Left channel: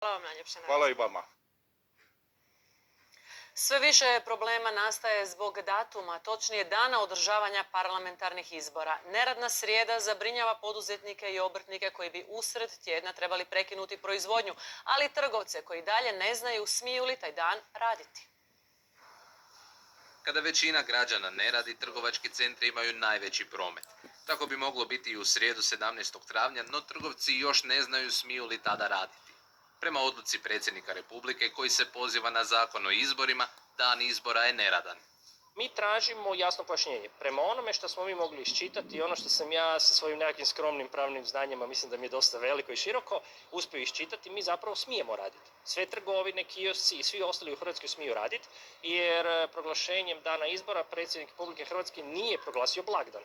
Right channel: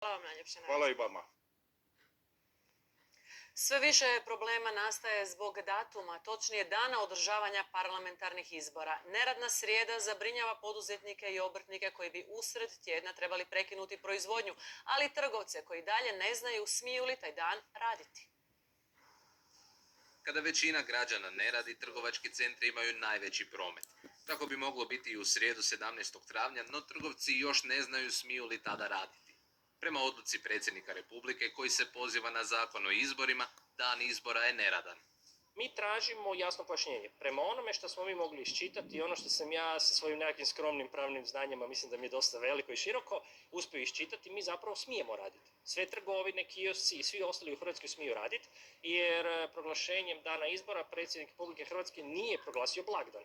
Hvala vam najljepše na Hvala i razgovoru. vama. Sve više problema nastaje zbog datuma, točnije dana održavanja parlamentarnih izbora. Neradna srijeda zabrinjava poduzetnike i obrtnike koji bi usred tjedna trebali prekinuti proizvodnju, ali i trgovce koji dalje ne znaju smiju li taj dan raditi. Kada većina građana ne radi, trgovački centri imaju najveći promet. Tako bi moglo biti i u srijedu 17. travnja, no trgovci još ne znaju smiju li tada raditi. Prema odluci predsjednika Republike, koji se poziva na zakon o izborima, dan izbora je neradan. Mi tražimo jasno pojašnjenje. Prema onome što smo mi mogli iščitati i ono što sam ja sa svojim nekakvim skromnim pravnim znanjima, mislim da mi je dosta veliko i široko, uspio iščitati, mi zapravo smijemo raditi. Sve trgovine, kiosci i svi ostali u Hrvatskoj smiju raditi, jer proglašenjem dana izbora predsjednik Republike Hrvatske nije proglasio blagdan.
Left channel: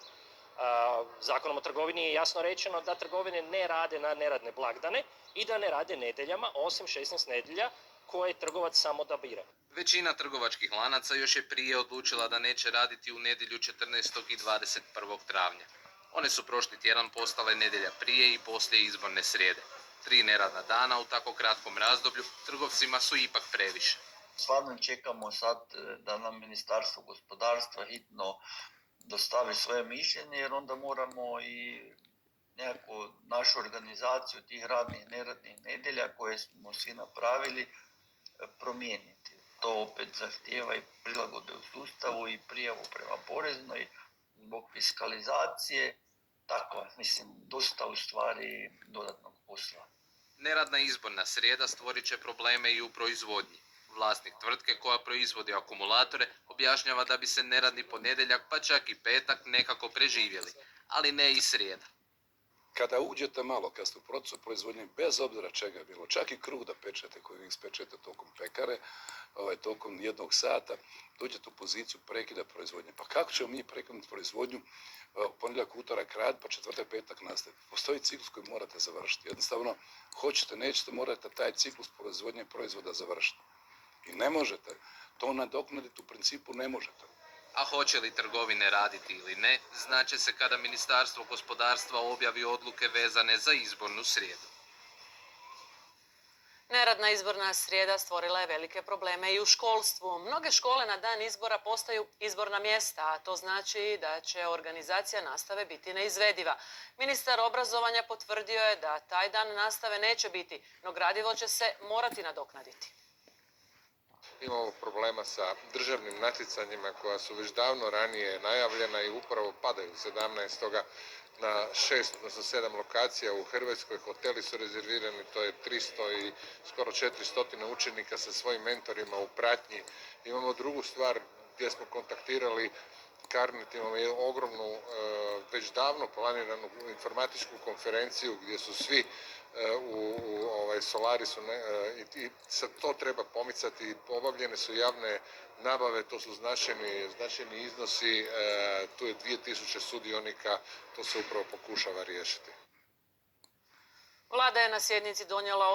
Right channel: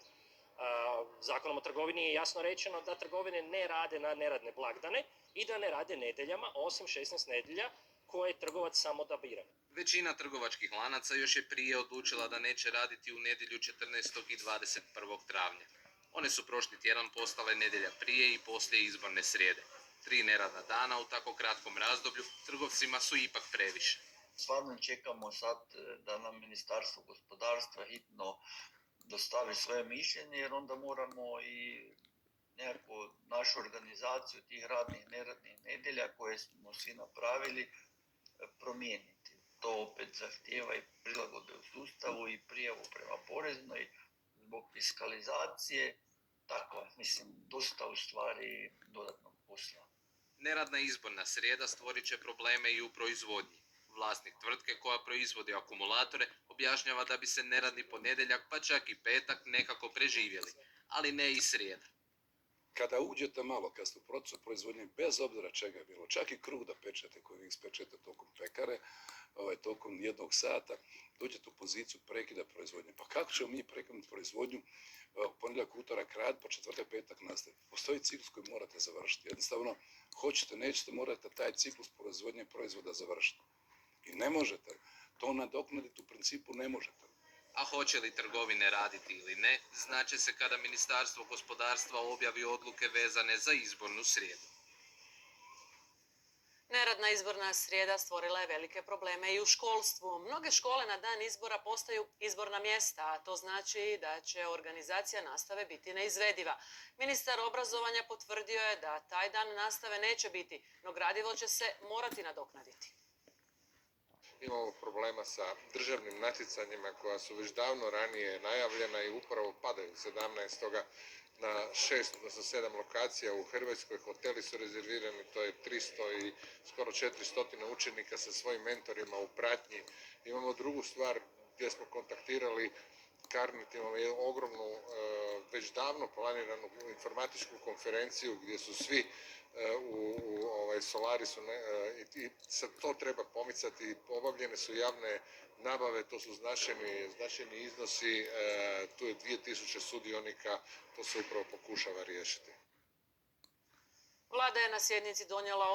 Zakonom o trgovini je jasno rečeno da trgovine ne rade na neradne blagdane i da ne rade nedjeljama, osim 16 nedjelja koje trgovac samo odabira. Većina trgovačkih lanaca još je prije odlučila da neće raditi u nedjelju 14. i 21. travnja. One su prošli tjedan postale nedjelja prije i poslije izborne srijede. 3 neradna dana u tako kratkom razdoblju trgovcima su ipak previše. Stvarno čekamo sad da nam Ministarstvo gospodarstva hitno dostavi svoje mišljenje, jer onda moramo i nekako našu organizaciju tih radnih, neradnih nedjelja koje smo svi napravili promijeniti. To opet zahtijeva i prilagodbe u sustavu i prijavu prema poreznoj zbog fiskalizacije. Tako, mislim, dosta u stvari dodatnog posla. Neradna izborna srijeda stvorit će probleme i u proizvodnji. Vlasnik tvrtke koja proizvodi akumulatore objašnjava da bi se neradni ponedjeljak pa čak i petak nekako preživjeli, ali ne i srijeda. Kada uđete malo, kad ste u procesu proizvodnje, bez obzira čega je bilo, čak i kruh da pečete koji vi ispečete tokom pekare, tokom 1 sata, dođete u poziciju prekida proizvodnje. Pa kako ćemo mi prekinuti proizvodnju ponedjeljak, utorak rad, pa četvrtak, petak nastaviti? Postoji ciklus koji morate završiti. Jednostavno, hoćete, nećete, morate taj ciklus proizvodnje proizvoda završiti. I ne možete. To nadoknaditi u principu ne možete. A hoće li trgovine raditi ili ne, znaće se kada Ministarstvo gospodarstva objavi odluke vezane za izbornu srijedu. Neradna izborna srijeda stvorila je velike probleme i u školstvu. Mnoge škole na dan izbora postaju izborna mjesta, a to znači da će organizacija nastave biti neizvediva. Ministar obrazovanja potvrdio je da taj dan nastave neće biti, no gradivo će se morati nadoknaditi. Imamo problema sa državnim natjecanjima koja su već davno ranije najavljena i upravo padaju 17. na 6, odnosno 7 lokacija u Hrvatskoj. Hoteli su rezervirani, to je 300 i skoro 400 učenika sa svojim mentorima u pratnji. Imamo drugu stvar gdje smo kontaktirali Carnet, imamo jednu ogromnu, već davno planiranu informatičku konferenciju gdje su svi u Solarisu i sad to treba pomicati. Obavljene su javne nabave, to su značajni iznosi, tu je 2000 sudionika, to se upravo pokušava riješiti. Vlada je na sjednici donijela